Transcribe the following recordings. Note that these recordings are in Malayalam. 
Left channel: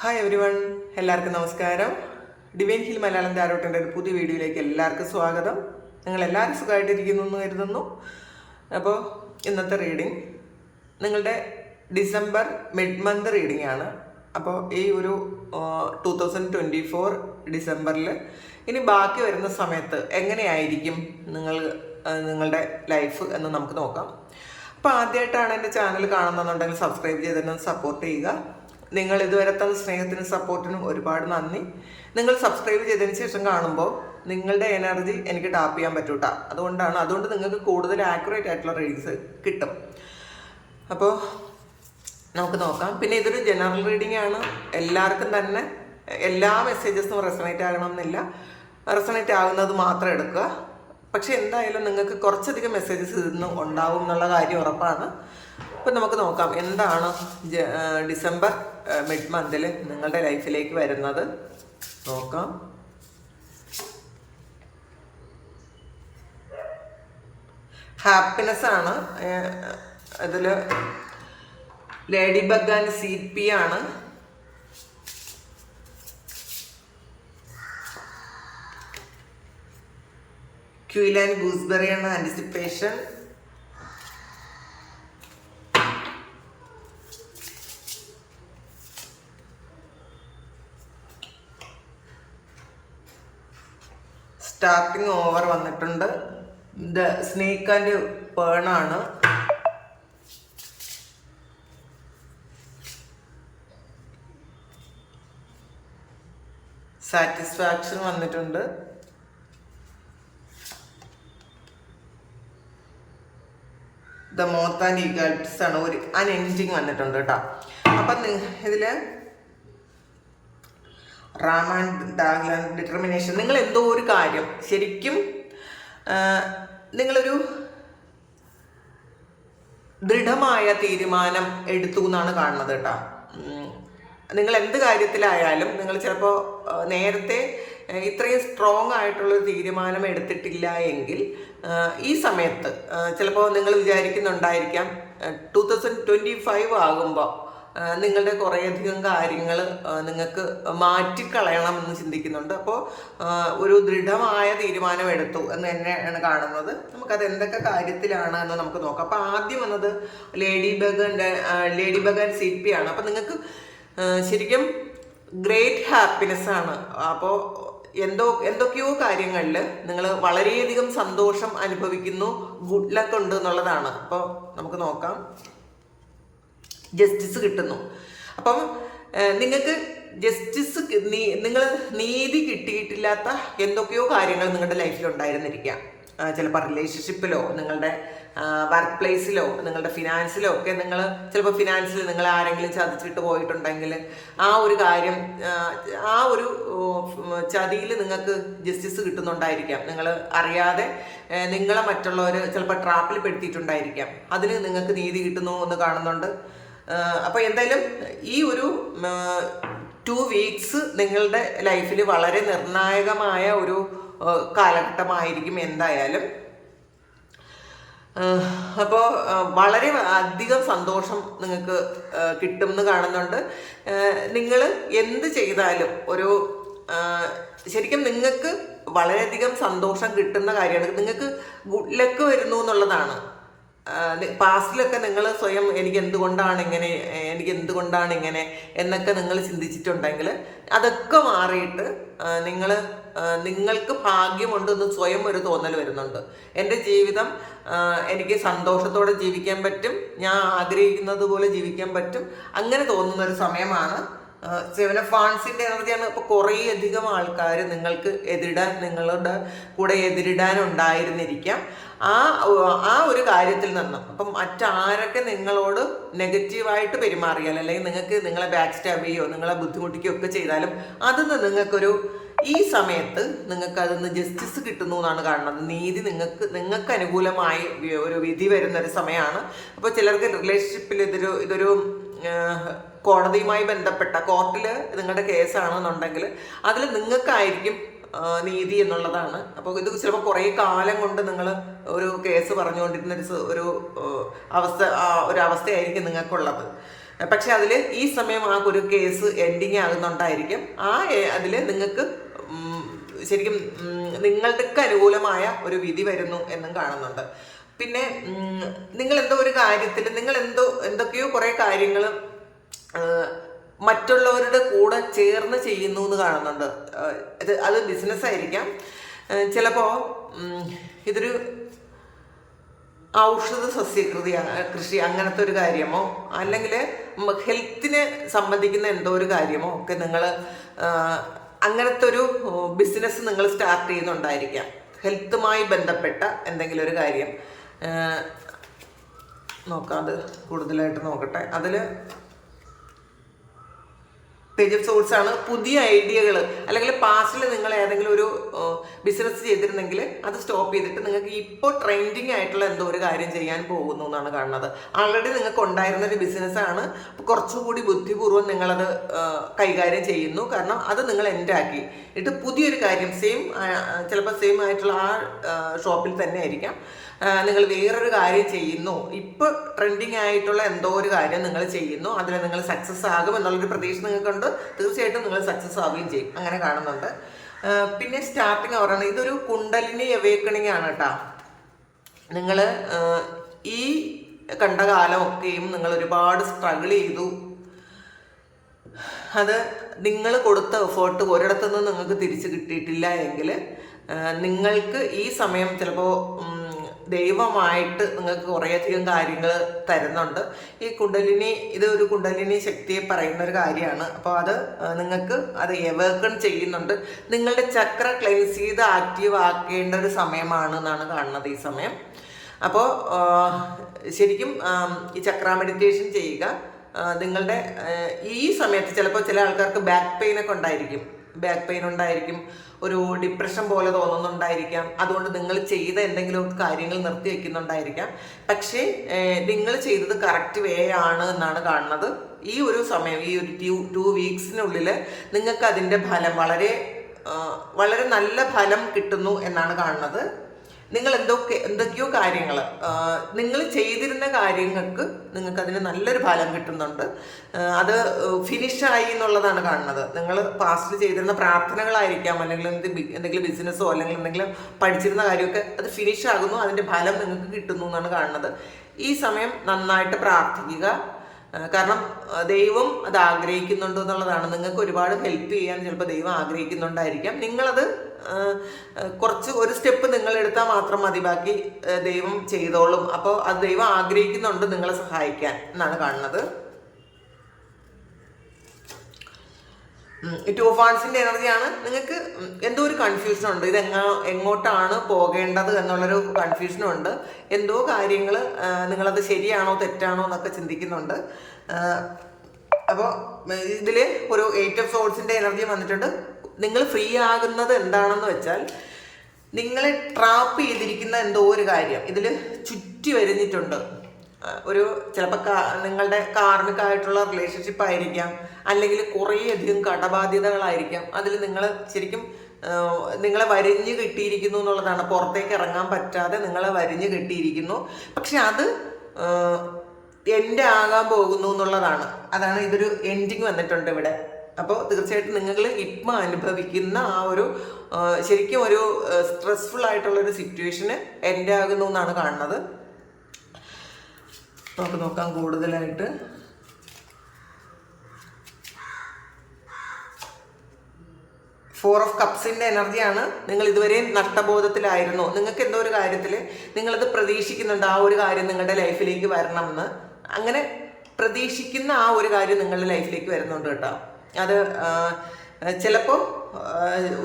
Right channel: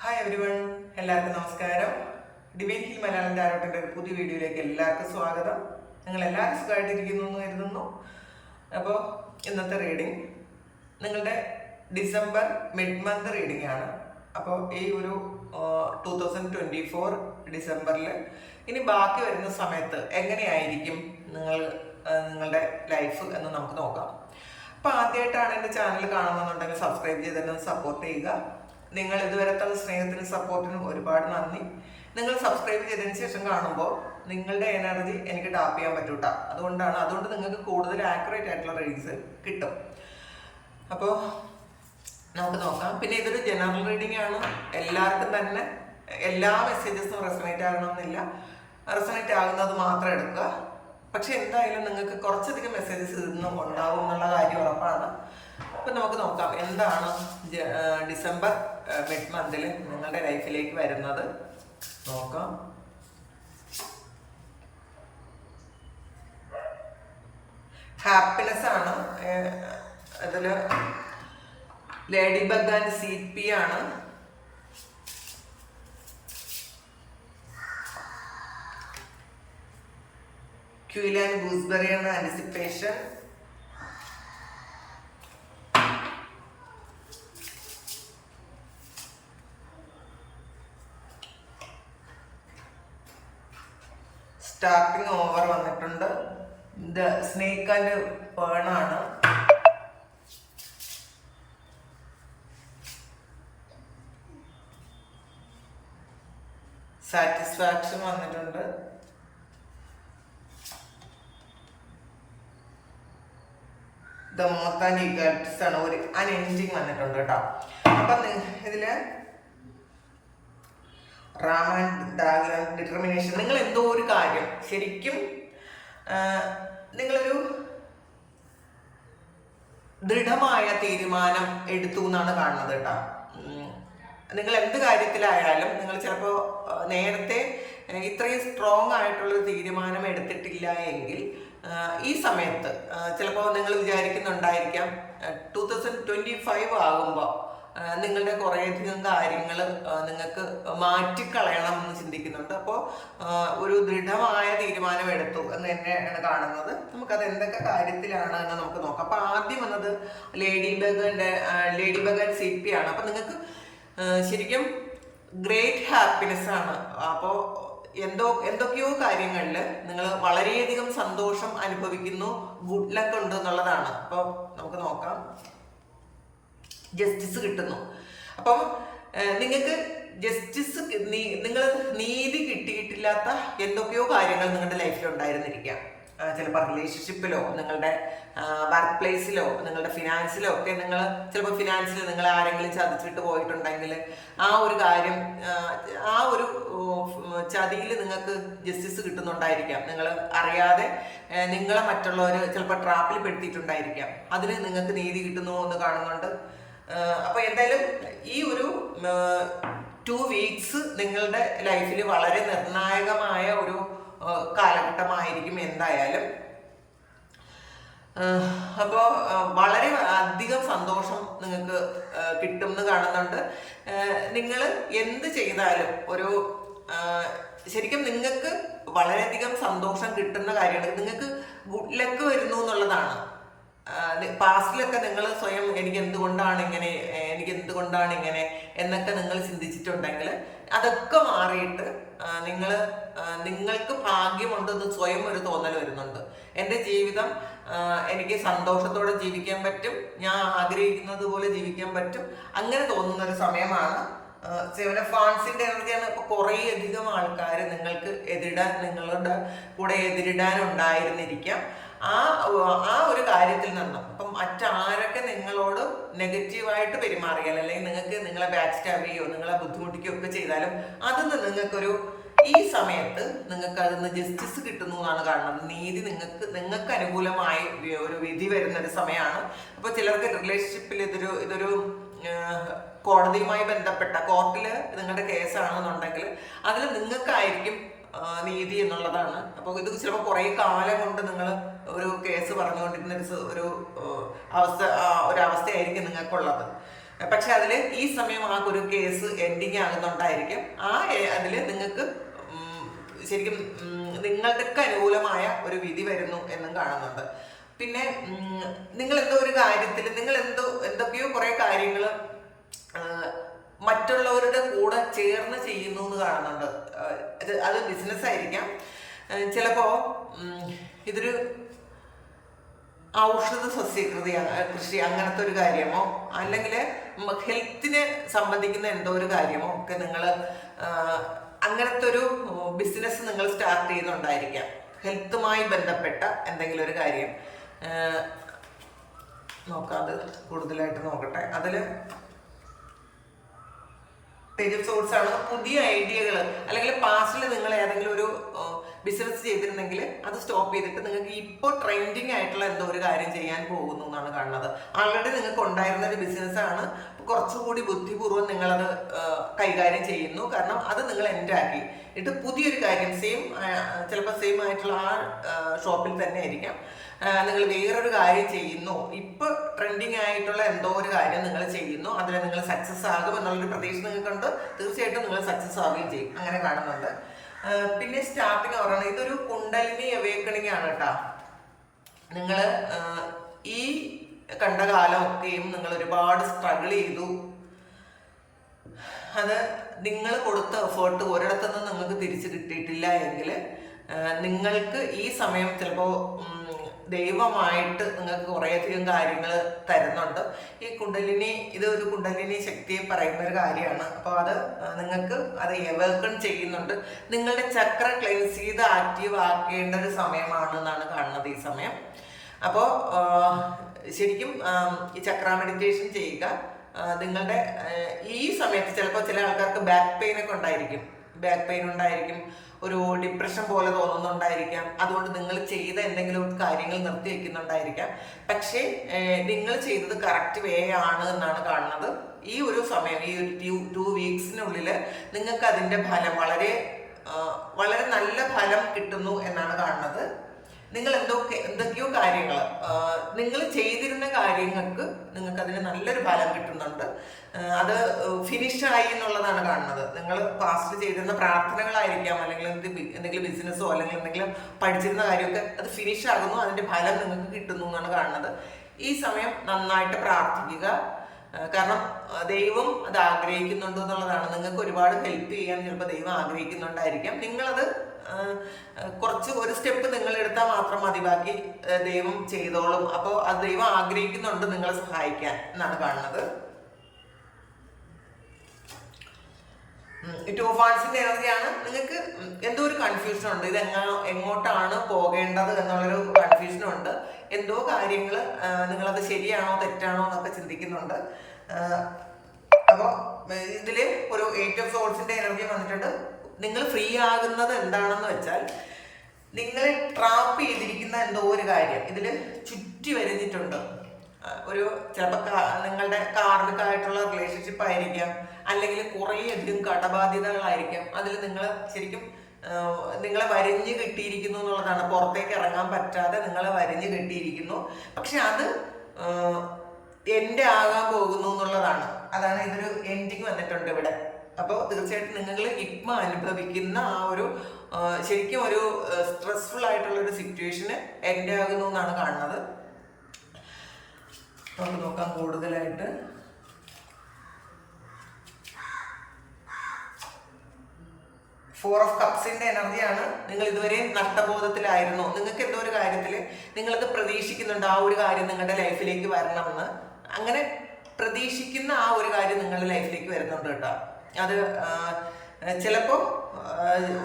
ഹായ് എവരി വൺ എല്ലാവർക്കും നമസ്കാരം. ഡിവൈൻ ഹിൽ മലയാളം താരോട്ടിന്റെ ഒരു പുതിയ വീഡിയോയിലേക്ക് എല്ലാവർക്കും സ്വാഗതം. നിങ്ങൾ എല്ലാവരും സുഖമായിട്ടിരിക്കുന്നു എന്ന് കരുതുന്നു. അപ്പോൾ ഇന്നത്തെ റീഡിംഗ് നിങ്ങളുടെ ഡിസംബർ മിഡ് മന്ത് റീഡിംഗ് ആണ്. അപ്പോൾ ഈ ഒരു ടു തൗസൻഡ് ട്വന്റി ഫോർ ഡിസംബറിൽ ഇനി ബാക്കി വരുന്ന സമയത്ത് എങ്ങനെയായിരിക്കും നിങ്ങൾ നിങ്ങളുടെ ലൈഫ് എന്ന് നമുക്ക് നോക്കാം. അപ്പോൾ ആദ്യമായിട്ടാണ് എന്റെ ചാനൽ കാണുന്നുണ്ടെങ്കിൽ സബ്സ്ക്രൈബ് ചെയ്തിട്ട് സപ്പോർട്ട് ചെയ്യുക. നിങ്ങൾ ഇതുവരെ തന്ന സ്നേഹത്തിനും സപ്പോർട്ടിനും ഒരുപാട് നന്ദി. നിങ്ങൾ സബ്സ്ക്രൈബ് ചെയ്തതിന് ശേഷം കാണുമ്പോൾ നിങ്ങളുടെ എനർജി എനിക്ക് ടാപ്പ് ചെയ്യാൻ പറ്റൂട്ട. അതുകൊണ്ടാണ് അതുകൊണ്ട് നിങ്ങൾക്ക് കൂടുതൽ ആക്യുറേറ്റ് ആയിട്ടുള്ള റീഡ്സ് കിട്ടും. അപ്പോൾ നമുക്ക് നോക്കാം. പിന്നെ ഇതൊരു ജനറൽ റീഡിംഗ് ആണ്. എല്ലാവർക്കും തന്നെ എല്ലാ മെസ്സേജസും റെസണേറ്റ് ആകണമെന്നില്ല. റെസണേറ്റ് ആകുന്നത് മാത്രം എടുക്കുക. പക്ഷെ എന്തായാലും നിങ്ങൾക്ക് കുറച്ചധികം മെസ്സേജസ് ഇന്ന് ഉണ്ടാവും എന്നുള്ള കാര്യം ഉറപ്പാണ്. അപ്പം നമുക്ക് നോക്കാം. എന്താണ് ഡിസംബർ മിഡ് മന്തിൽ നിങ്ങളുടെ ലൈഫിലേക്ക് വരുന്നത്? നോക്കാം. ഹാപ്പിനെസ് ആണ്. അതിൽ lady bug and C P ആണ്. ക്യൂൽ ആൻഡ് ഗൂസ്ബെറി ആണ് ആന്റിസിപ്പേഷൻ സ്റ്റാർട്ടിങ് ഓവർ വന്നിട്ടുണ്ട്. ഇത് സ്നേക്ക് ആൻഡ് പേണാണ് സാറ്റിസ്ഫാക്ഷൻ വന്നിട്ടുണ്ട്. ദ മോത്ത് ആൻഡ് ഈഗൽസ് ആണ്. ഒരു അൻ എൻഡിങ് വന്നിട്ടുണ്ട് കേട്ടോ. അപ്പം നി- റാം ആൻഡ് ഡിറ്റർമിനേഷൻ നിങ്ങൾ എന്തോ ഒരു കാര്യം ശരിക്കും നിങ്ങളൊരു ദൃഢമായ തീരുമാനം എടുത്തു എന്നാണ് കാണുന്നത് കേട്ടോ. നിങ്ങൾ എന്ത് കാര്യത്തിലായാലും നിങ്ങൾ ചിലപ്പോൾ നേരത്തെ ഇത്രയും സ്ട്രോങ് ആയിട്ടുള്ള തീരുമാനം എടുത്തിട്ടില്ല എങ്കിൽ ഈ സമയത്ത് ചിലപ്പോൾ നിങ്ങൾ വിചാരിക്കുന്നുണ്ടായിരിക്കാം ടു തൗസൻഡ് ട്വന്റി ഫൈവ് ആകുമ്പോൾ നിങ്ങളുടെ കുറേയധികം കാര്യങ്ങൾ നിങ്ങൾക്ക് മാറ്റിക്കളയണം എന്ന് ചിന്തിക്കുന്നുണ്ട് അപ്പോൾ ഒരു ദൃഢമായ തീരുമാനം എടുത്തു എന്ന് തന്നെയാണ് കാണുന്നത്. നമുക്കത് എന്തൊക്കെ കാര്യത്തിലാണ് എന്ന് നമുക്ക് നോക്കാം. അപ്പോൾ ആദ്യം വന്നത് ലേഡി ബഗന്റെ ലേഡി ബഗൻ സി പി ആണ്. അപ്പോൾ നിങ്ങൾക്ക് ശരിക്കും ഗ്രേറ്റ് ഹാപ്പിനെസ് ആണ്. അപ്പോൾ എന്തോ എന്തൊക്കെയോ കാര്യങ്ങളിൽ നിങ്ങൾ വളരെയധികം സന്തോഷം അനുഭവിക്കുന്നു. ഗുഡ് ലക്ക് ഉണ്ട് എന്നുള്ളതാണ്. അപ്പോൾ നമുക്ക് നോക്കാം. ജസ്റ്റിസ് കിട്ടുന്നു. അപ്പം നിങ്ങൾക്ക് ജസ്റ്റിസ് നിങ്ങൾ നീതി കിട്ടിയിട്ടില്ലാത്ത എന്തൊക്കെയോ കാര്യങ്ങൾ നിങ്ങളുടെ ലൈഫിൽ ഉണ്ടായിരുന്നിരിക്കാം. ചിലപ്പോൾ റിലേഷൻഷിപ്പിലോ നിങ്ങളുടെ വർക്ക് പ്ലേസിലോ നിങ്ങളുടെ ഫിനാൻസിലോ ഒക്കെ നിങ്ങൾ ചിലപ്പോൾ ഫിനാൻസിൽ നിങ്ങൾ ആരെങ്കിലും ചതിച്ചിട്ട് പോയിട്ടുണ്ടെങ്കിൽ ആ ഒരു കാര്യം ആ ഒരു ചതിയിൽ നിങ്ങൾക്ക് ജസ്റ്റിസ് കിട്ടുന്നുണ്ടായിരിക്കാം. നിങ്ങൾ അറിയാതെ നിങ്ങളെ മറ്റുള്ളവർ ചിലപ്പോൾ ട്രാപ്പിൽ പെടുത്തിയിട്ടുണ്ടായിരിക്കാം. അതിന് നിങ്ങൾക്ക് നീതി കിട്ടുന്നു എന്ന് കാണുന്നുണ്ട്. അപ്പോൾ എന്തായാലും ഈ ഒരു ടു വീക്സ് നിങ്ങളുടെ ലൈഫിൽ വളരെ നിർണായകമായ ഒരു കാലഘട്ടമായിരിക്കും എന്തായാലും. അപ്പോൾ വളരെ അധികം സന്തോഷം നിങ്ങൾക്ക് കിട്ടും എന്ന് കാണുന്നുണ്ട്. നിങ്ങൾ എന്ത് ചെയ്താലും ഒരു ശരിക്കും നിങ്ങൾക്ക് വളരെയധികം സന്തോഷം കിട്ടുന്ന കാര്യമാണ്. നിങ്ങൾക്ക് ഗുഡ് ലക്ക് വരുന്നു എന്നുള്ളതാണ്. പാസ്റ്റിലൊക്കെ നിങ്ങൾ സ്വയം എനിക്ക് എന്തുകൊണ്ടാണ് ഇങ്ങനെ എനിക്ക് എന്തുകൊണ്ടാണ് ഇങ്ങനെ എന്നൊക്കെ നിങ്ങൾ ചിന്തിച്ചിട്ടുണ്ടെങ്കിൽ അതൊക്കെ മാറിയിട്ട് നിങ്ങൾ നിങ്ങൾക്ക് ഭാഗ്യമുണ്ടെന്ന് സ്വയം ഒരു തോന്നൽ വരുന്നുണ്ട്. എന്റെ ജീവിതം എനിക്ക് സന്തോഷത്തോടെ ജീവിക്കാൻ പറ്റും ഞാൻ ആഗ്രഹിക്കുന്നത് പോലെ ജീവിക്കാൻ പറ്റും അങ്ങനെ തോന്നുന്ന ഒരു സമയമാണ് സെവൻ ഓഫ് ഫാൻസിന്റെ എനർജിയാണ് ഇപ്പൊ കുറേ അധികം ആൾക്കാർ നിങ്ങൾക്ക് എതിരിടാൻ നിങ്ങളുടെ കൂടെ എതിരിടാൻ ഉണ്ടായിരുന്നിരിക്കാം ആ ആ ഒരു കാര്യത്തിൽ നിന്ന്. അപ്പം മറ്റാരൊക്കെ നിങ്ങളോട് നെഗറ്റീവായിട്ട് പെരുമാറിയാൽ അല്ലെങ്കിൽ നിങ്ങൾക്ക് നിങ്ങളെ ബാക്ക് സ്റ്റാബ് ചെയ്യോ നിങ്ങളെ ബുദ്ധിമുട്ടിക്കുകയോ ഒക്കെ ചെയ്താലും അതിന്ന് നിങ്ങൾക്കൊരു ഈ സമയത്ത് നിങ്ങൾക്ക് അതിന്ന് ജസ്റ്റിസ് കിട്ടുന്നു എന്നാണ് കാണുന്നത്. നീതി നിങ്ങൾക്ക് നിങ്ങൾക്ക് അനുകൂലമായി ഒരു വിധി വരുന്ന ഒരു സമയമാണ്. അപ്പോൾ ചിലർക്ക് റിലേഷൻഷിപ്പിൽ ഇതൊരു ഇതൊരു കോടതിയുമായി ബന്ധപ്പെട്ട കോർട്ടിൽ നിങ്ങളുടെ കേസാണെന്നുണ്ടെങ്കിൽ അതിൽ നിങ്ങൾക്കായിരിക്കും നീതി എന്നുള്ളതാണ്. അപ്പോൾ ഇത് ചിലപ്പോൾ കുറേ കാലം കൊണ്ട് നിങ്ങൾ ഒരു കേസ് പറഞ്ഞുകൊണ്ടിരുന്ന ഒരു അവസ്ഥ ഒരു അവസ്ഥയായിരിക്കും നിങ്ങൾക്കുള്ളത്. പക്ഷെ അതിൽ ഈ സമയം ആ ഒരു കേസ് എൻഡിങ് ആകുന്നുണ്ടായിരിക്കും. ആ അതിൽ നിങ്ങൾക്ക് ശരിക്കും നിങ്ങൾക്ക് അനുകൂലമായ ഒരു വിധി വരുന്നു എന്നും കാണുന്നുണ്ട്. പിന്നെ നിങ്ങൾ എന്തോ ഒരു കാര്യത്തിൽ നിങ്ങൾ എന്തോ എന്തൊക്കെയോ കുറേ കാര്യങ്ങൾ മറ്റുള്ളവരുടെ കൂടെ ചേർന്ന് ചെയ്യുന്നു എന്ന് കാണുന്നുണ്ട് ഇത് അത് ബിസിനസ് ആയിരിക്കാം. ചിലപ്പോൾ ഇതൊരു ഔഷധ സസ്യകൃതി കൃഷി അങ്ങനത്തെ ഒരു കാര്യമോ? അല്ലെങ്കിൽ ഹെൽത്തിനെ സംബന്ധിക്കുന്ന എന്തോ ഒരു കാര്യമോ? ഒക്കെ നിങ്ങൾ അങ്ങനത്തെ ഒരു ബിസിനസ് നിങ്ങൾ സ്റ്റാർട്ട് ചെയ്യുന്നുണ്ടായിരിക്കാം. ഹെൽത്തുമായി ബന്ധപ്പെട്ട എന്തെങ്കിലും ഒരു കാര്യം. നോക്കാതെ കൂടുതലായിട്ട് നോക്കട്ടെ. അതിൽ പേജ് സോഴ്സ് ആണ് പുതിയ ഐഡിയകൾ അല്ലെങ്കിൽ പാസ്റ്റിൽ നിങ്ങൾ ഏതെങ്കിലും ഒരു ബിസിനസ് ചെയ്തിരുന്നെങ്കിൽ അത് സ്റ്റോപ്പ് ചെയ്തിട്ട് നിങ്ങൾക്ക് ഇപ്പോൾ ട്രെൻഡിങ് ആയിട്ടുള്ള എന്തോ ഒരു കാര്യം ചെയ്യാൻ പോകുന്നു എന്നാണ് കാണുന്നത്. ആൾറെഡി നിങ്ങൾക്ക് ഉണ്ടായിരുന്ന ഒരു ബിസിനസ്സാണ് കുറച്ചുകൂടി ബുദ്ധിപൂർവം നിങ്ങളത് കൈകാര്യം ചെയ്യുന്നു. കാരണം അത് നിങ്ങൾ എന്റാക്കി എന്നിട്ട് പുതിയൊരു കാര്യം സെയിം ചിലപ്പോൾ സെയിം ആയിട്ടുള്ള ആ ഷോപ്പിൽ തന്നെ ആയിരിക്കാം. നിങ്ങൾ വേറൊരു കാര്യം ചെയ്യുന്നു. ഇപ്പോൾ ട്രെൻഡിങ് ആയിട്ടുള്ള എന്തോ ഒരു കാര്യം നിങ്ങൾ ചെയ്യുന്നു. അതിൽ നിങ്ങൾ സക്സസ് ആകും എന്നുള്ളൊരു പ്രതീക്ഷ നിങ്ങൾക്കുണ്ട്. തീർച്ചയായിട്ടും നിങ്ങൾ സക്സസ് ആവുകയും ചെയ്യും. അങ്ങനെ കാണുന്നുണ്ട്. പിന്നെ സ്റ്റാർട്ടിങ് പറയുന്നത് ഇതൊരു കുണ്ടലിനി അവേക്കണിങ് ആണ് കേട്ടോ നിങ്ങൾ ഈ കണ്ട കാലമൊക്കെയും നിങ്ങൾ ഒരുപാട് സ്ട്രഗിൾ ചെയ്തു. അത് നിങ്ങൾ കൊടുത്ത എഫേർട്ട് ഒരിടത്തുനിന്ന് നിങ്ങൾക്ക് തിരിച്ചു കിട്ടിയിട്ടില്ല എങ്കിൽ നിങ്ങൾക്ക് ഈ സമയം ചിലപ്പോൾ ദൈവമായിട്ട് നിങ്ങൾക്ക് കുറേയധികം കാര്യങ്ങൾ തരുന്നുണ്ട്. ഈ കുണ്ടലിനി ഇത് ഒരു കുണ്ടലിനി ശക്തിയെ പറയുന്ന ഒരു കാര്യമാണ്. അപ്പോൾ അത് നിങ്ങൾക്ക് അത് എവർക്കൺ ചെയ്യുന്നുണ്ട്. നിങ്ങളുടെ ചക്ര ക്ലെൻസ് ചെയ്ത് ആക്റ്റീവ് ആക്കേണ്ട ഒരു സമയമാണ് എന്നാണ് കാണുന്നത് ഈ സമയം. അപ്പോൾ ശരിക്കും ഈ ചക്ര മെഡിറ്റേഷൻ ചെയ്യുക നിങ്ങളുടെ ഈ സമയത്ത് ചിലപ്പോൾ ചില ആൾക്കാർക്ക് ബാക്ക് പെയിനൊക്കെ ഉണ്ടായിരിക്കും. ബാക്ക് പെയിൻ ഉണ്ടായിരിക്കും ഒരു ഡിപ്രഷൻ പോലെ തോന്നുന്നുണ്ടായിരിക്കാം. അതുകൊണ്ട് നിങ്ങൾ ചെയ്ത എന്തെങ്കിലും കാര്യങ്ങൾ നിർത്തി വെക്കുന്നുണ്ടായിരിക്കാം. പക്ഷേ നിങ്ങൾ ചെയ്തത് കറക്റ്റ് വേ ആണ് എന്നാണ് കാണുന്നത്. ഈ ഒരു സമയം ഈ ഒരു ടു ടു വീക്സിനുള്ളിൽ നിങ്ങൾക്ക് അതിന്റെ ഫലം വളരെ വളരെ നല്ല ഫലം കിട്ടുന്നു എന്നാണ് കാണുന്നത്. നിങ്ങൾ എന്തൊക്കെ എന്തൊക്കെയോ കാര്യങ്ങൾ നിങ്ങൾ ചെയ്തിരുന്ന കാര്യങ്ങൾക്ക് നിങ്ങൾക്ക് അതിന് നല്ലൊരു ഫലം കിട്ടുന്നുണ്ട്. അത് ഫിനിഷായി എന്നുള്ളതാണ് കാണുന്നത്. നിങ്ങൾ പാസ്റ്റ് ചെയ്തിരുന്ന പ്രാർത്ഥനകളായിരിക്കാം അല്ലെങ്കിൽ എന്ത് എന്തെങ്കിലും ബിസിനസ്സോ അല്ലെങ്കിൽ എന്തെങ്കിലും പഠിച്ചിരുന്ന കാര്യമൊക്കെ അത് ഫിനിഷ് ആകുന്നു അതിന്റെ ഫലം നിങ്ങൾക്ക് കിട്ടുന്നു എന്നാണ് കാണുന്നത്. ഈ സമയം നന്നായിട്ട് പ്രാർത്ഥിക്കുക. കാരണം ദൈവം അത് ആഗ്രഹിക്കുന്നുണ്ടോ എന്നുള്ളതാണ്. നിങ്ങൾക്ക് ഒരുപാട് ഹെൽപ്പ് ചെയ്യാൻ ചിലപ്പോൾ ദൈവം ആഗ്രഹിക്കുന്നുണ്ടായിരിക്കാം. നിങ്ങളത് കുറച്ച് ഒരു സ്റ്റെപ്പ് നിങ്ങൾ എടുത്താൽ മാത്രം മതി. ബാക്കി ദൈവം ചെയ്തോളും. അപ്പോൾ അത് ദൈവം ആഗ്രഹിക്കുന്നുണ്ട് നിങ്ങളെ സഹായിക്കാൻ എന്നാണ് കാണുന്നത്. ടു ഓഫ് വാൺസിന്റെ എനർജിയാണ്. നിങ്ങൾക്ക് എന്തോ ഒരു കൺഫ്യൂഷൻ ഉണ്ട്. ഇത് എങ്ങ എങ്ങോട്ടാണ് പോകേണ്ടത് എന്നുള്ളൊരു കൺഫ്യൂഷനും ഉണ്ട്. എന്തോ കാര്യങ്ങൾ നിങ്ങളത് ശരിയാണോ തെറ്റാണോ എന്നൊക്കെ ചിന്തിക്കുന്നുണ്ട്. അപ്പോൾ ഇതിൽ ഒരു എയ്റ്റ് ഓഫ് സോൾസിന്റെ എനർജി വന്നിട്ടുണ്ട്. നിങ്ങൾ ഫ്രീ ആകുന്നത് എന്താണെന്ന് വെച്ചാൽ നിങ്ങളെ ട്രാപ്പ് ചെയ്തിരിക്കുന്ന എന്തോ ഒരു കാര്യം. ഇതിൽ ചുറ്റി വരുന്നിട്ടുണ്ട്. ഒരു ചിലപ്പോൾ കാ നിങ്ങളുടെ കാർമികമായിട്ടുള്ള റിലേഷൻഷിപ്പ് ആയിരിക്കാം. അല്ലെങ്കിൽ കുറേയധികം കടബാധ്യതകളായിരിക്കാം. അതിൽ നിങ്ങൾ ശരിക്കും നിങ്ങളെ വരിഞ്ഞ് കിട്ടിയിരിക്കുന്നു എന്നുള്ളതാണ്. പുറത്തേക്ക് ഇറങ്ങാൻ പറ്റാതെ നിങ്ങളെ വരിഞ്ഞ് കിട്ടിയിരിക്കുന്നു. പക്ഷെ അത് എന്റെ ആകാൻ പോകുന്നു എന്നുള്ളതാണ്. അതാണ് ഇതൊരു എൻഡിങ് വന്നിട്ടുണ്ട് ഇവിടെ. അപ്പോൾ തീർച്ചയായിട്ടും നിങ്ങൾ ഇപ്പം അനുഭവിക്കുന്ന ആ ഒരു ശരിക്കും ഒരു സ്ട്രെസ്ഫുൾ ആയിട്ടുള്ള ഒരു സിറ്റുവേഷന് എന്റെ ആകുന്നു എന്നാണ് കാണുന്നത്. നമുക്ക് നോക്കാം കൂടുതലായിട്ട്. ഫോർ ഓഫ് കപ്സിന്റെ എനർജിയാണ് നിങ്ങൾ ഇതുവരെയും നഷ്ടബോധത്തിലായിരുന്നു. നിങ്ങൾക്ക് എന്തോ ഒരു കാര്യത്തിൽ നിങ്ങളത് പ്രതീക്ഷിക്കുന്നുണ്ട് ആ ഒരു കാര്യം നിങ്ങളുടെ ലൈഫിലേക്ക് വരണമെന്ന്. അങ്ങനെ പ്രതീക്ഷിക്കുന്ന ആ ഒരു കാര്യം നിങ്ങളുടെ ലൈഫിലേക്ക് വരുന്നുണ്ട് കേട്ടോ. അത് ചിലപ്പോൾ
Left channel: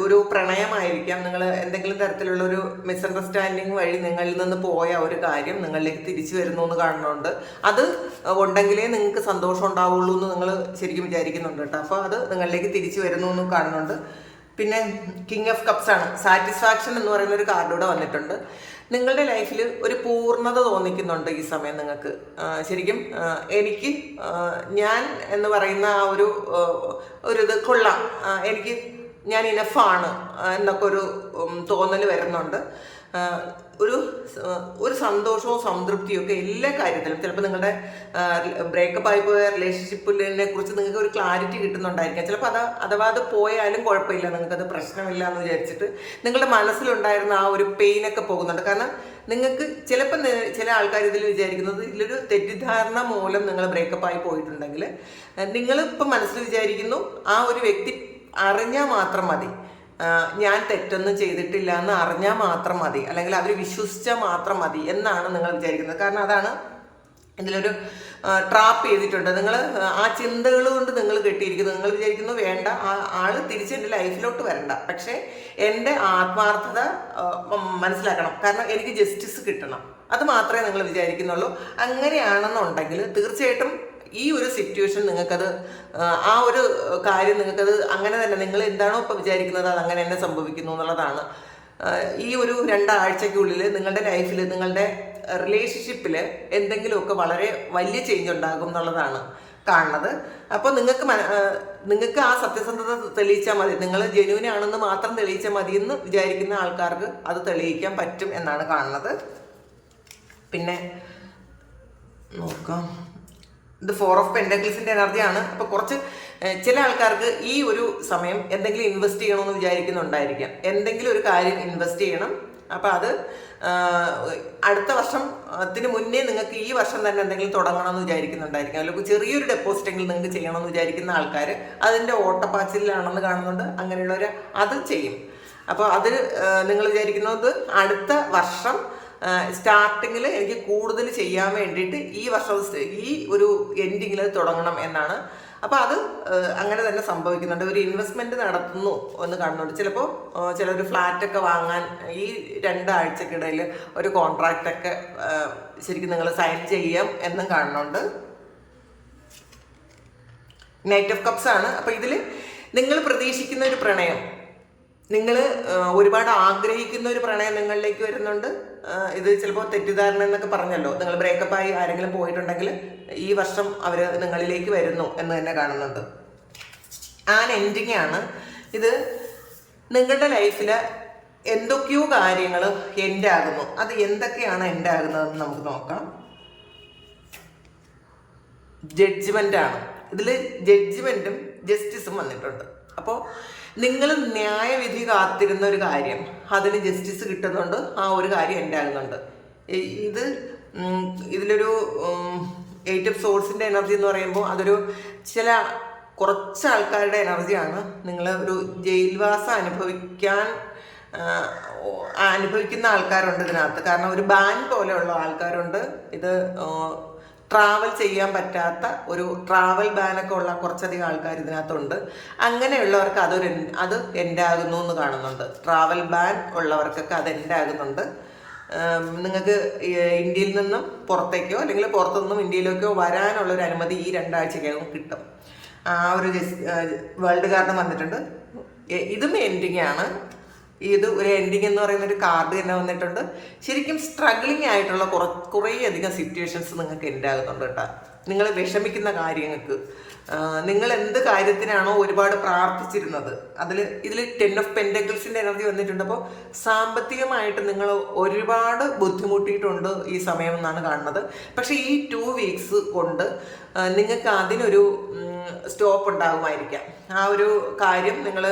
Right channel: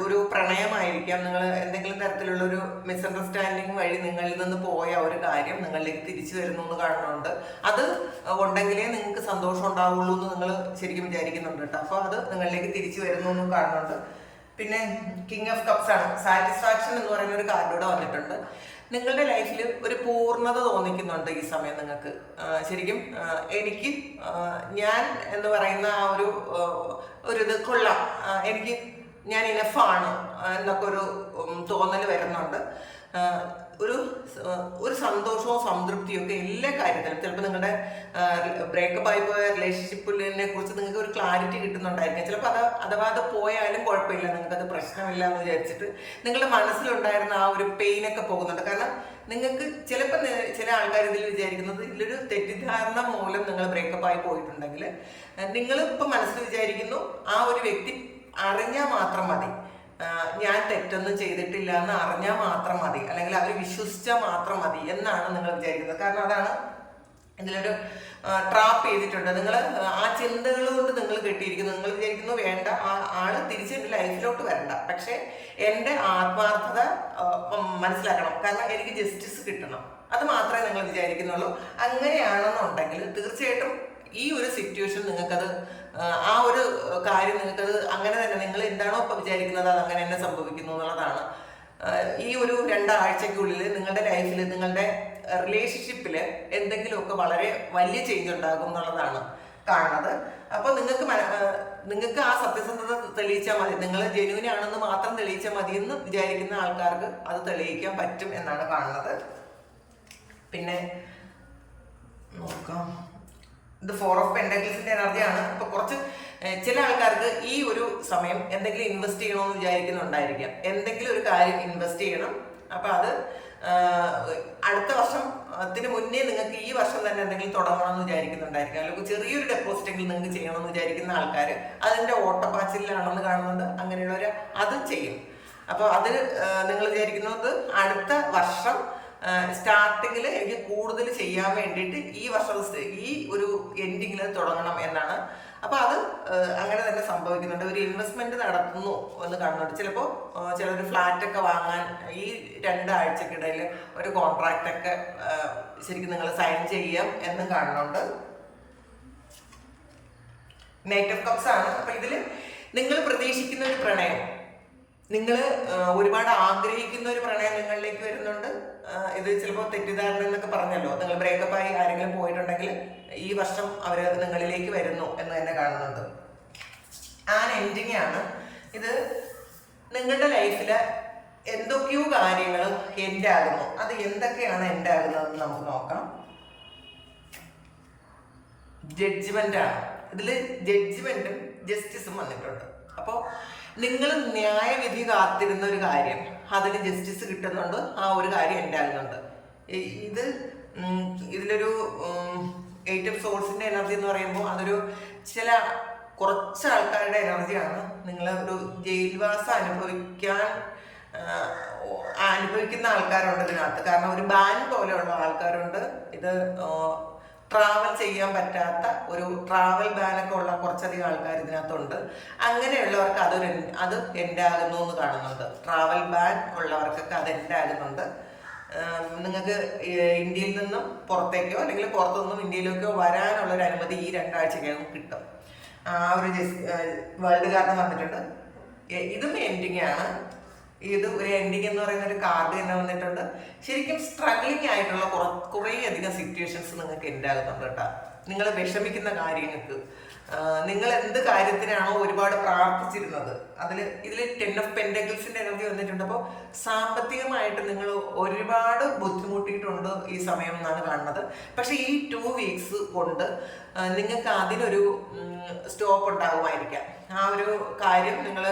ഒരു പ്രണയമായിരിക്കാം. നിങ്ങൾ എന്തെങ്കിലും തരത്തിലുള്ള ഒരു മിസ്അണ്ടർസ്റ്റാൻഡിങ് വഴി നിങ്ങളിൽ നിന്ന് പോയ ഒരു കാര്യം നിങ്ങളിലേക്ക് തിരിച്ചു വരുന്നു എന്ന് കാണുന്നുണ്ട്. അത് ഉണ്ടെങ്കിലേ നിങ്ങൾക്ക് സന്തോഷം ഉണ്ടാവുള്ളൂ എന്ന് നിങ്ങൾ ശരിക്കും വിചാരിക്കുന്നുണ്ട് കേട്ടോ. അപ്പോൾ അത് നിങ്ങളിലേക്ക് തിരിച്ചു വരുന്നു എന്നും കാണുന്നുണ്ട്. പിന്നെ കിങ് ഓഫ് കപ്സ് ആണ്. സാറ്റിസ്ഫാക്ഷൻ എന്ന് പറയുന്ന ഒരു കാർഡൂടെ വന്നിട്ടുണ്ട്. നിങ്ങളുടെ ലൈഫിൽ ഒരു പൂർണത തോന്നിക്കുന്നുണ്ട് ഈ സമയം നിങ്ങൾക്ക്? ശരിക്കും എനിക്ക് ഞാൻ എന്ന് പറയുന്ന ആ ഒരു ഒരു ഇത് കൊള്ളാം. എനിക്ക് ഞാൻ ഇനഫാണ് എന്നൊക്കെ ഒരു തോന്നൽ വരുന്നുണ്ട്. ഒരു ഒരു സന്തോഷവും സംതൃപ്തിയും ഒക്കെ എല്ലാ കാര്യത്തിലും. ചിലപ്പോൾ നിങ്ങളുടെ ബ്രേക്കപ്പ് ആയി പോയ റിലേഷൻഷിപ്പിനെ കുറിച്ച് നിങ്ങൾക്ക് ഒരു ക്ലാരിറ്റി കിട്ടുന്നുണ്ടായിരിക്കാം. ചിലപ്പോൾ അത് അഥവാ അത് പോയാലും കുഴപ്പമില്ല നിങ്ങൾക്ക് അത് പ്രശ്നമില്ല എന്ന് വിചാരിച്ചിട്ട് നിങ്ങളുടെ മനസ്സിലുണ്ടായിരുന്ന ആ ഒരു പെയിനൊക്കെ പോകുന്നുണ്ട്. കാരണം നിങ്ങൾക്ക് ചിലപ്പോൾ ചില ആൾക്കാർ ഇതിൽ വിചാരിക്കുന്നത് ഇതിലൊരു തെറ്റിദ്ധാരണ മൂലം നിങ്ങൾ ബ്രേക്കപ്പ് ആയി പോയിട്ടുണ്ടെങ്കിൽ നിങ്ങൾ ഇപ്പം മനസ്സിൽ വിചാരിക്കുന്നു ആ ഒരു വ്യക്തി അറിഞ്ഞാൽ മാത്രം മതി. ഞാൻ തെറ്റൊന്നും ചെയ്തിട്ടില്ല എന്ന് അറിഞ്ഞാൽ മാത്രം മതി. അല്ലെങ്കിൽ അവർ വിശ്വസിച്ചാൽ മാത്രം മതി എന്നാണ് നിങ്ങൾ വിചാരിക്കുന്നത്. കാരണം അതാണ് ഇതിലൊരു ട്രാപ്പ് ചെയ്തിട്ടുണ്ട്. നിങ്ങൾ ആ ചിന്തകൾ കൊണ്ട് നിങ്ങൾ കെട്ടിയിരിക്കുന്നു. നിങ്ങൾ വിചാരിക്കുന്നു വേണ്ട ആ ആൾ തിരിച്ച് എന്റെ ലൈഫിലോട്ട് വരണ്ട. പക്ഷേ എന്റെ ആത്മാർത്ഥത മനസ്സിലാക്കണം. കാരണം എനിക്ക് ജസ്റ്റിസ് കിട്ടണം. അത് മാത്രമേ നിങ്ങൾ വിചാരിക്കുന്നുള്ളൂ. അങ്ങനെയാണെന്നുണ്ടെങ്കിൽ തീർച്ചയായിട്ടും ഈ ഒരു സിറ്റുവേഷൻ നിങ്ങൾക്കത് ആ, ഒരു കാര്യം നിങ്ങൾക്കത് അങ്ങനെ തന്നെ നിങ്ങൾ എന്താണോ ഇപ്പോൾ വിചാരിക്കുന്നത് അത് അങ്ങനെ തന്നെ സംഭവിക്കുന്നു എന്നുള്ളതാണ്. ഈ ഒരു രണ്ടാഴ്ചയ്ക്കുള്ളിൽ നിങ്ങളുടെ ലൈഫിൽ നിങ്ങളുടെ റിലേഷൻഷിപ്പിൽ എന്തെങ്കിലുമൊക്കെ വളരെ വലിയ ചേഞ്ച് ഉണ്ടാകും എന്നുള്ളതാണ് കാണുന്നത്. അപ്പോൾ നിങ്ങൾക്ക് നിങ്ങൾക്ക് ആ സത്യസന്ധത തെളിയിച്ചാൽ മതി. നിങ്ങൾ ജെന്യൂൻ ആണെന്ന് മാത്രം തെളിയിച്ചാൽ മതി എന്ന് വിചാരിക്കുന്ന ആൾക്കാർക്ക് അത് തെളിയിക്കാൻ പറ്റും എന്നാണ് കാണുന്നത്. പിന്നെ നോക്കാം. ഇത് ഫോർ ഓഫ് പെൻഡക്കിൾസിന്റെ എനർജിയാണ്. അപ്പൊ കുറച്ച് ചില ആൾക്കാർക്ക് ഈ ഒരു സമയം എന്തെങ്കിലും ഇൻവെസ്റ്റ് ചെയ്യണമെന്ന് വിചാരിക്കുന്നുണ്ടായിരിക്കാം. എന്തെങ്കിലും ഒരു കാര്യം ഇൻവെസ്റ്റ് ചെയ്യണം. അപ്പൊ അത് അടുത്ത വർഷം അതിന് മുന്നേ നിങ്ങൾക്ക് ഈ വർഷം തന്നെ എന്തെങ്കിലും തുടങ്ങണമെന്ന് വിചാരിക്കുന്നുണ്ടായിരിക്കും. അല്ലെങ്കിൽ ചെറിയൊരു ഡെപ്പോസിറ്റ് ഡെപ്പോസിറ്റെങ്കിലും നിങ്ങൾക്ക് ചെയ്യണമെന്ന് വിചാരിക്കുന്ന ആൾക്കാർ അതിന്റെ ഓട്ടപ്പാച്ചിലാണെന്ന് കാണുന്നുണ്ട്. അങ്ങനെയുള്ളവർ അത് ചെയ്യും. അപ്പോൾ അത് നിങ്ങൾ വിചാരിക്കുന്നത് അടുത്ത വർഷം സ്റ്റാർട്ടിങ്ങിൽ എനിക്ക് കൂടുതൽ ചെയ്യാൻ വേണ്ടിയിട്ട് ഈ വർഷം ഈ ഒരു എൻഡിങ്ങിൽ തുടങ്ങണം എന്നാണ്. അപ്പോൾ അത് അങ്ങനെ തന്നെ സംഭവിക്കുന്നുണ്ട്. ഒരു ഇൻവെസ്റ്റ്മെന്റ് നടത്തുന്നു എന്ന് കാണുന്നുണ്ട് ചിലപ്പോൾ ചില ഫ്ലാറ്റ് ഒക്കെ വാങ്ങാൻ ഈ രണ്ടാഴ്ചക്കിടയിൽ ഒരു കോൺട്രാക്റ്റൊക്കെ ശരിക്കും നിങ്ങൾ സൈൻ ചെയ്യാം എന്നും കാണുന്നുണ്ട് നൈറ്റ് ഓഫ് കപ്സ് ആണ്. അപ്പൊ ഇതിൽ നിങ്ങൾ പ്രതീക്ഷിക്കുന്ന ഒരു പ്രണയം നിങ്ങൾ ഒരുപാട് ആഗ്രഹിക്കുന്ന ഒരു പ്രണയം നിങ്ങളിലേക്ക് വരുന്നുണ്ട്. ഇത് ചിലപ്പോൾ തെറ്റിദ്ധാരണ എന്നൊക്കെ പറഞ്ഞല്ലോ. നിങ്ങൾ ബ്രേക്കപ്പ് ആയി ആരെങ്കിലും പോയിട്ടുണ്ടെങ്കിൽ ഈ വർഷം അവർ നിങ്ങളിലേക്ക് വരുന്നു എന്ന് തന്നെ കാണുന്നുണ്ട്. ആൻ എൻഡിങ് ആണ്. ഇത് നിങ്ങളുടെ ലൈഫിൽ എന്തൊക്കെയോ കാര്യങ്ങൾ എൻഡാകുന്നു അത് എന്തൊക്കെയാണ് എൻഡാകുന്നതെന്ന് നമുക്ക് നോക്കാം. ജഡ്ജ്മെന്റ് ആണ്. ഇതിൽ ജഡ്ജ്മെന്റും ജസ്റ്റിസും വന്നിട്ടുണ്ട്. അപ്പോൾ നിങ്ങൾ ന്യായവിധി കാത്തിരുന്ന ഒരു കാര്യം അതിന് ജസ്റ്റിസ് കിട്ടുന്നുണ്ട് ആ ഒരു കാര്യം ഉണ്ടാകുന്നുണ്ട് ഇത് ഇതിലൊരു എയ്റ്റ് ഓഫ് സോഴ്സിന്റെ എനർജി എന്ന് പറയുമ്പോൾ അതൊരു ചില കുറച്ച് ആൾക്കാരുടെ എനർജിയാണ് നിങ്ങൾ ഒരു ജയിൽവാസം അനുഭവിക്കാൻ അനുഭവിക്കുന്ന ആൾക്കാരുണ്ട് ഇതിനകത്ത്. കാരണം ഒരു ബാൻ പോലെയുള്ള ആൾക്കാരുണ്ട്. ഇത് ട്രാവൽ ചെയ്യാൻ പറ്റാത്ത ഒരു ട്രാവൽ ബാനൊക്കെ ഉള്ള കുറച്ചധികം ആൾക്കാർ ഇതിനകത്തുണ്ട്. അങ്ങനെയുള്ളവർക്ക് അതൊരു അത് എൻഡാകുന്നു എന്ന് കാണുന്നുണ്ട്. ട്രാവൽ ബാൻ ഉള്ളവർക്കൊക്കെ അത് എൻഡാകുന്നുണ്ട് നിങ്ങൾക്ക് ഇന്ത്യയിൽ നിന്നും പുറത്തേക്കോ അല്ലെങ്കിൽ പുറത്തു നിന്നും ഇന്ത്യയിലേക്കോ വരാനുള്ള ഒരു അനുമതി ഈ രണ്ടാഴ്ചക്കകം കിട്ടും. ആ ഒരു വേൾഡ് കാർഡ് വന്നിട്ടുണ്ട് ഇതും എൻഡിങ് ആണ്. ഇത് ഒരു എൻഡിങ് എന്ന് പറയുന്ന ഒരു കാർഡ് തന്നെ വന്നിട്ടുണ്ട്. ശരിക്കും സ്ട്രഗ്ലിംഗ് ആയിട്ടുള്ള കുറ കുറേ അധികം സിറ്റുവേഷൻസ് നിങ്ങൾക്ക് ഉണ്ടാകുന്നുണ്ട് കേട്ടോ. നിങ്ങൾ വിഷമിക്കുന്ന കാര്യങ്ങൾക്ക് നിങ്ങൾ എന്ത് കാര്യത്തിനാണോ ഒരുപാട് പ്രാർത്ഥിച്ചിരുന്നത്. അതിൽ ഇതിൽ ടെൻ ഓഫ് പെൻഡക്കിൾസിന്റെ എനർജി വന്നിട്ടുണ്ട്. അപ്പോൾ സാമ്പത്തികമായിട്ട് നിങ്ങൾ ഒരുപാട് ബുദ്ധിമുട്ടിയിട്ടുണ്ട് ഈ സമയം എന്നാണ് കാണുന്നത്. പക്ഷേ ഈ ടു വീക്സ് കൊണ്ട് നിങ്ങൾക്ക് അതിനൊരു സ്റ്റോപ്പ് ഉണ്ടാകുമായിരിക്കാം. ആ ഒരു കാര്യം നിങ്ങൾ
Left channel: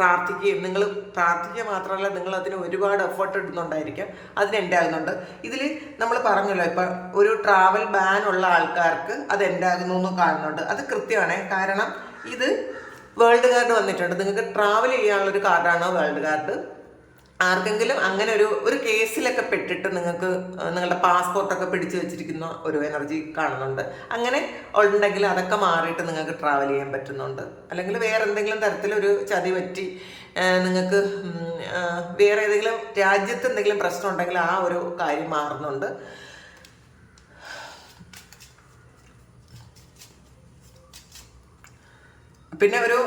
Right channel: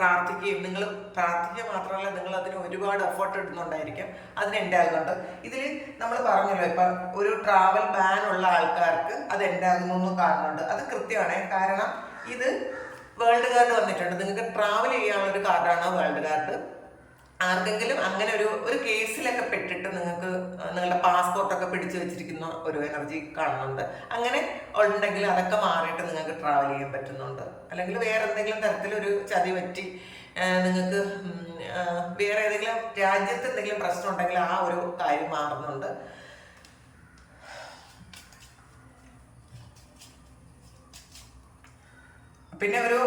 പ്രാർത്ഥിക്കുകയും നിങ്ങൾ പ്രാർത്ഥിക്കുക മാത്രമല്ല നിങ്ങൾ അതിന് ഒരുപാട് എഫേർട്ട് ഇടുന്നുണ്ടായിരിക്കാം. അതിന് ഉണ്ടാകുന്നുണ്ട്. ഇതിൽ നമ്മൾ പറഞ്ഞല്ലോ ഇപ്പം ഒരു ട്രാവൽ ബാൻ ഉള്ള ആൾക്കാർക്ക് അത് ഉണ്ടാകുന്നു എന്ന് കാണുന്നുണ്ട്. അത് കൃത്യമാണ്. കാരണം ഇത് വേൾഡ് കാർഡ് വന്നിട്ടുണ്ട്. നിങ്ങൾക്ക് ട്രാവൽ ചെയ്യാനുള്ളൊരു കാർഡാണ് വേൾഡ് കാർഡ് ആർക്കെങ്കിലും അങ്ങനെ ഒരു ഒരു കേസിലൊക്കെ പെട്ടിട്ട് നിങ്ങൾക്ക് നിങ്ങളുടെ പാസ്പോർട്ടൊക്കെ പിടിച്ചു വെച്ചിരിക്കുന്ന ഒരു എനർജി കാണുന്നുണ്ട്. അങ്ങനെ ഉണ്ടെങ്കിൽ അതൊക്കെ മാറിയിട്ട് നിങ്ങൾക്ക് ട്രാവൽ ചെയ്യാൻ പറ്റുന്നുണ്ട്. അല്ലെങ്കിൽ വേറെ എന്തെങ്കിലും തരത്തിലൊരു ചതി പറ്റി നിങ്ങൾക്ക് വേറെ ഏതെങ്കിലും രാജ്യത്ത് എന്തെങ്കിലും പ്രശ്നം ഉണ്ടെങ്കിൽ ആ ഒരു കാര്യം മാറുന്നുണ്ട്. പിന്നെ ഒരു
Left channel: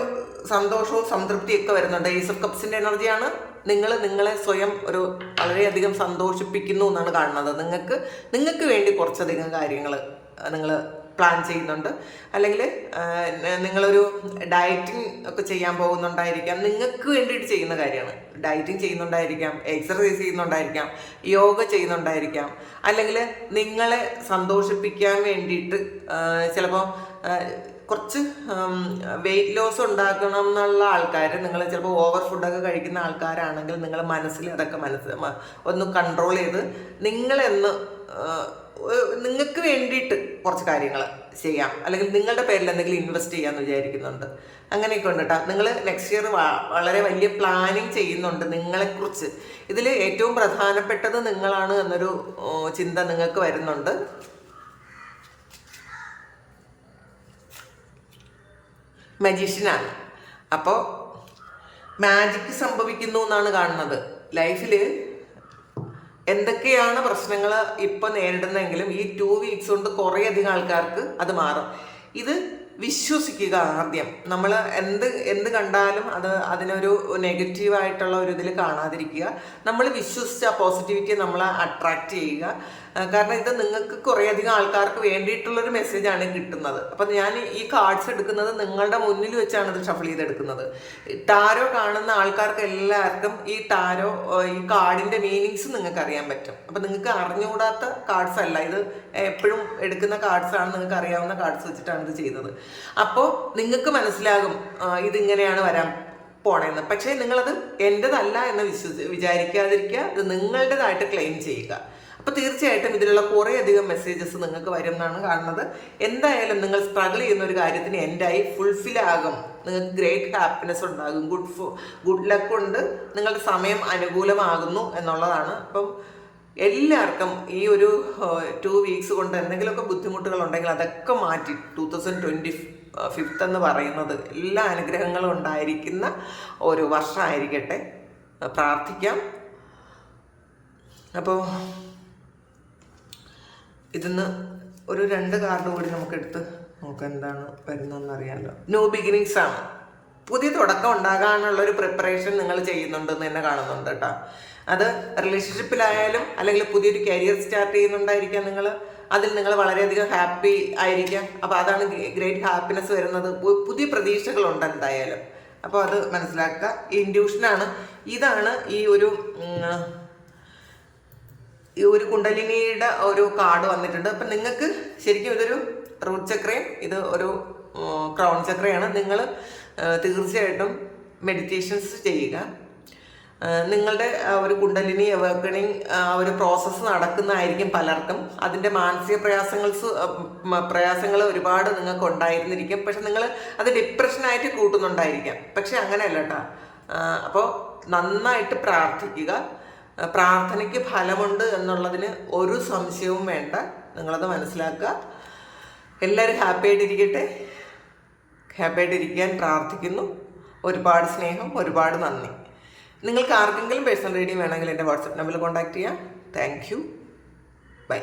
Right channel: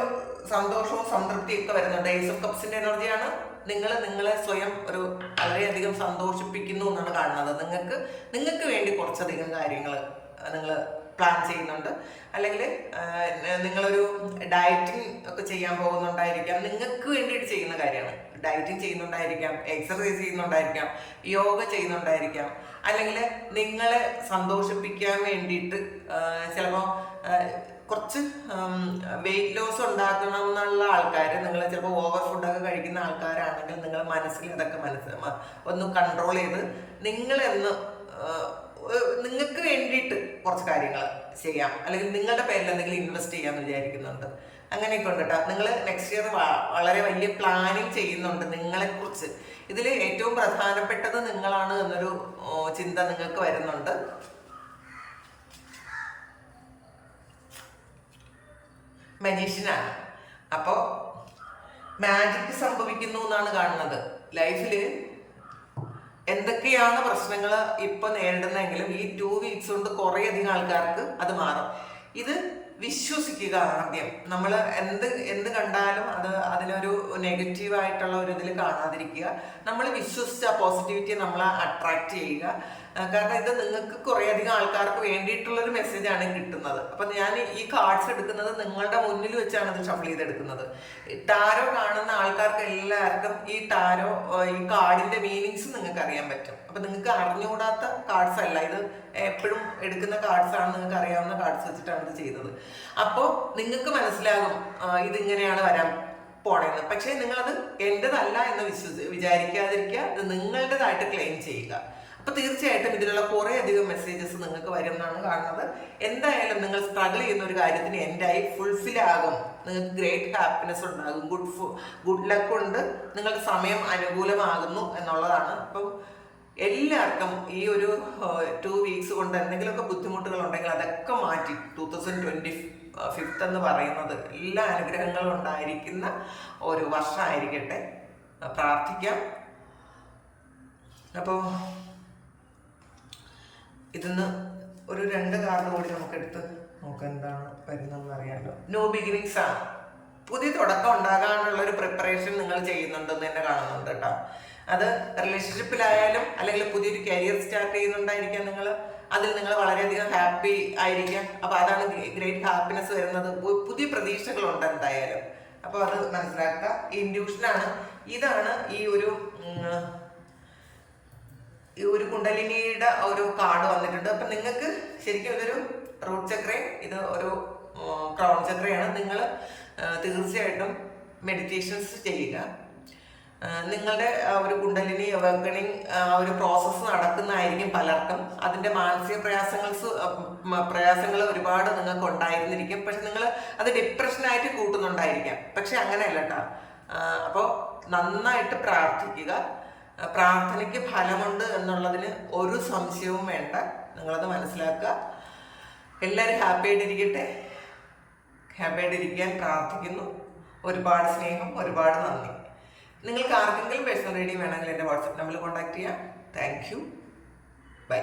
സന്തോഷവും സംതൃപ്തിയൊക്കെ വരുന്നുണ്ട്. ഈസ് ഓഫ് കപ്സിന്റെ എനർജിയാണ്. നിങ്ങൾ നിങ്ങളെ സ്വയം ഒരു വളരെയധികം സന്തോഷിപ്പിക്കുന്നു എന്നാണ് കാണുന്നത്. നിങ്ങൾക്ക് നിങ്ങൾക്ക് വേണ്ടി കുറച്ചധികം കാര്യങ്ങൾ നിങ്ങൾ പ്ലാൻ ചെയ്യുന്നുണ്ട്. അല്ലെങ്കിൽ നിങ്ങളൊരു ഡയറ്റിംഗ് ഒക്കെ ചെയ്യാൻ പോകുന്നുണ്ടായിരിക്കാം. നിങ്ങൾക്ക് വേണ്ടിയിട്ട് ചെയ്യുന്ന കാര്യമാണ് ഡയറ്റിംഗ് ചെയ്യുന്നുണ്ടായിരിക്കാം എക്സർസൈസ് ചെയ്യുന്നുണ്ടായിരിക്കാം യോഗ ചെയ്യുന്നുണ്ടായിരിക്കാം. അല്ലെങ്കിൽ നിങ്ങളെ സന്തോഷിപ്പിക്കാൻ വേണ്ടിയിട്ട് ചിലപ്പോൾ കുറച്ച് വെയിറ്റ് ലോസ് ഉണ്ടാക്കണം എന്നുള്ള ആൾക്കാർ നിങ്ങൾ ചിലപ്പോൾ ഓവർ ഫുഡൊക്കെ കഴിക്കുന്ന ആൾക്കാരാണെങ്കിൽ നിങ്ങൾ മനസ്സിൽ അതൊക്കെ മനസ്സ് മ- ഒന്ന് കൺട്രോൾ ചെയ്ത് നിങ്ങളെന്ന് നിങ്ങൾക്ക് വേണ്ടിയിട്ട് കുറച്ച് കാര്യങ്ങൾ ചെയ്യാം. അല്ലെങ്കിൽ നിങ്ങളുടെ പേരിൽ എന്തെങ്കിലും ഇൻവെസ്റ്റ് ചെയ്യാമെന്ന് വിചാരിക്കുന്നുണ്ട്. അങ്ങനെയൊക്കെ ഉണ്ട് കേട്ടോ നിങ്ങൾ നെക്സ്റ്റ് ഇയർ വളരെ വലിയ പ്ലാനിങ് ചെയ്യുന്നുണ്ട് നിങ്ങളെക്കുറിച്ച്. ഇതിൽ ഏറ്റവും പ്രധാനപ്പെട്ടത് നിങ്ങളാണ് എന്നൊരു ചിന്ത നിങ്ങൾക്ക് വരുന്നുണ്ട്. മജീഷ്യനാണ് അപ്പോൾ മാജിക് സംഭവിക്കുന്നു എന്നാണ് കാണുന്നത്. ലൈഫിൽ എന്തൊക്കെയാണ് പ്രശ്നങ്ങൾ ഇപ്പം നേരിടുന്നതെങ്കിലും ഈ ടു വീക്സ് കൊണ്ട് കുറേ അധികം ആൾക്കാർക്ക് അത് മാറും. ഇത് വിശ്വസിക്കുക ആദ്യം. നമ്മൾ എന്ത് എന്ത് കണ്ടാലും അത് അതിനൊരു നെഗറ്റീവായിട്ടുള്ള ഒരു ഇതിൽ കാണാതിരിക്കുക. നമ്മൾ വിശ്വസിച്ച് പോസിറ്റിവിറ്റി നമ്മളെ അട്രാക്റ്റ് ചെയ്യുക. കാരണം ഇത് നിങ്ങൾക്ക് കുറേ അധികം ആൾക്കാർക്ക് വേണ്ടിയിട്ടുള്ളൊരു ആണ് കിട്ടുന്നത്. അപ്പം ഞാൻ ഈ കാർഡ്സ് എടുക്കുന്നത് നിങ്ങളുടെ മുന്നിൽ വെച്ചാണ് ഇത് ഷഫിൾ ചെയ്തെടുക്കുന്നത്. ടാരോ കാണുന്ന ആൾക്കാർക്ക് എല്ലാവർക്കും ഈ ടാരോ ഈ കാർഡിന്റെ മീനിങ്സ് നിങ്ങൾക്ക് അറിയാൻ പറ്റും. അപ്പം നിങ്ങൾക്ക് അറിഞ്ഞുകൂടാത്ത കാർഡ്സ് അല്ല ഇത് എപ്പോഴും എടുക്കുന്ന കാർഡ്സ് ആണ് നിങ്ങൾക്ക് അറിയാവുന്ന കാർഡ്സ് വെച്ചിട്ടാണ് ഇത് ചെയ്തത് അപ്പോൾ നിങ്ങൾക്ക് മനസ്സിലാകും ഇതിങ്ങനെയാണ് വരാൻ പോണേന്ന്. പക്ഷേ നിങ്ങളത് എന്റെതല്ല എന്ന് വിശ്വസി വിചാരിക്കാതിരിക്കുക ഇത് നിങ്ങളുടേതായിട്ട് ക്ലെയിം ചെയ്യുക. അപ്പൊ തീർച്ചയായിട്ടും ഇതിലുള്ള കുറേ അധികം മെസ്സേജസ് നിങ്ങൾക്ക് വരും എന്നാണ് കാണുന്നത്. എന്തായാലും നിങ്ങൾ സ്ട്രഗിൾ ചെയ്യുന്ന ഒരു കാര്യത്തിന് എൻഡായി ഫുൾഫിൽ ആകും. നിങ്ങൾക്ക് ഗ്രേറ്റ് ഹാപ്പിനെസ് ഉണ്ടാകും. ഗുഡ് ഫു ഗുഡ് ലക്ക് ഉണ്ട്. നിങ്ങളുടെ സമയം അനുകൂലമാകുന്നു എന്നുള്ളതാണ്. അപ്പം എല്ലാവർക്കും ഈ ഒരു ടു വീക്സ് കൊണ്ട് എന്തെങ്കിലുമൊക്കെ ബുദ്ധിമുട്ടുകൾ ഉണ്ടെങ്കിൽ അതൊക്കെ മാറ്റി. ടൂ തൗസൻഡ് ട്വന്റി ഫിഫ്ത്ത് എന്ന് പറയുന്നത് എല്ലാ അനുഗ്രഹങ്ങളും ഉണ്ടായിരിക്കുന്ന ഒരു വർഷമായിരിക്കട്ടെ. പ്രാർത്ഥിക്കാം. അപ്പോൾ ഇതിന്ന് ഒരു രണ്ട് കാർഡ് കൂടി നമുക്ക് എടുത്ത് നമുക്ക് എന്താണ് വരുന്നതെന്ന് അറിയാമല്ലോ ന്യൂ ബിഗിനിങ്സ് ആണ്. പുതിയ തുടക്കം ഉണ്ടാകാനുള്ള ഒരു പ്രിപ്പറേഷൻ നിങ്ങൾ ചെയ്യുന്നുണ്ടെന്ന് തന്നെ കാണുന്നുണ്ട് കേട്ടോ. അത് റിലേഷൻഷിപ്പിലായാലും അല്ലെങ്കിൽ പുതിയൊരു കരിയർ സ്റ്റാർട്ട് ചെയ്യുന്നുണ്ടായിരിക്കാം നിങ്ങൾ അതിൽ നിങ്ങൾ വളരെയധികം ഹാപ്പി ആയിരിക്കാം. അപ്പോൾ അതാണ് ഗ്രേറ്റ് ഹാപ്പിനെസ് വരുന്നത്. പുതിയ പ്രതീക്ഷകളുണ്ട് എന്തായാലും. അപ്പോൾ അത് മനസ്സിലാക്കുക. ഇൻഡ്യൂഷനാണ് ഇതാണ് ഈ ഒരു ഈ ഒരു കുണ്ടലിനിയുടെ ഒരു കാർഡ് വന്നിട്ടുണ്ട്. അപ്പം നിങ്ങൾക്ക് ശരിക്കും ഇതൊരു റൂട്ട് ചക്രയും ഇത് ഒരു ക്രൗൺ ചക്രയാണ്. നിങ്ങൾ തീർച്ചയായിട്ടും മെഡിറ്റേഷൻസ് ചെയ്യുക. നിങ്ങളുടെ ഒരു കുണ്ടലിനി അവേക്കണിങ് ഒരു പ്രോസസ്സ് നടക്കുന്നതായിരിക്കും പലർക്കും. അതിന്റെ മാനസിക പ്രയാസങ്ങൾ പ്രയാസങ്ങൾ ഒരുപാട് നിങ്ങൾക്ക് ഉണ്ടായിരുന്നിരിക്കും. പക്ഷെ നിങ്ങൾ അത് ഡിപ്രഷനായിട്ട് കൂട്ടുന്നുണ്ടായിരിക്കാം. പക്ഷെ അങ്ങനെയല്ല കേട്ടോ. അപ്പോൾ നന്നായിട്ട് പ്രാർത്ഥിക്കുക. പ്രാർത്ഥനയ്ക്ക് ഫലമുണ്ട് എന്നുള്ളതിന് ഒരു സംശയവും വേണ്ട. നിങ്ങളത് മനസ്സിലാക്കുക. എല്ലാവരും ഹാപ്പി ആയിട്ടിരിക്കട്ടെ. ഹാപ്പി ആയിട്ടിരിക്കാൻ പ്രാർത്ഥിക്കുന്നു. ഒരുപാട് സ്നേഹം ഒരുപാട് നന്ദി. നിങ്ങൾക്ക് ആർക്കെങ്കിലും പേഴ്സണൽ റീഡിങ് വേണമെങ്കിൽ എന്റെ വാട്സപ്പ് നമ്പറിൽ കോൺടാക്ട് ചെയ്യാം. Thank you. ബൈ.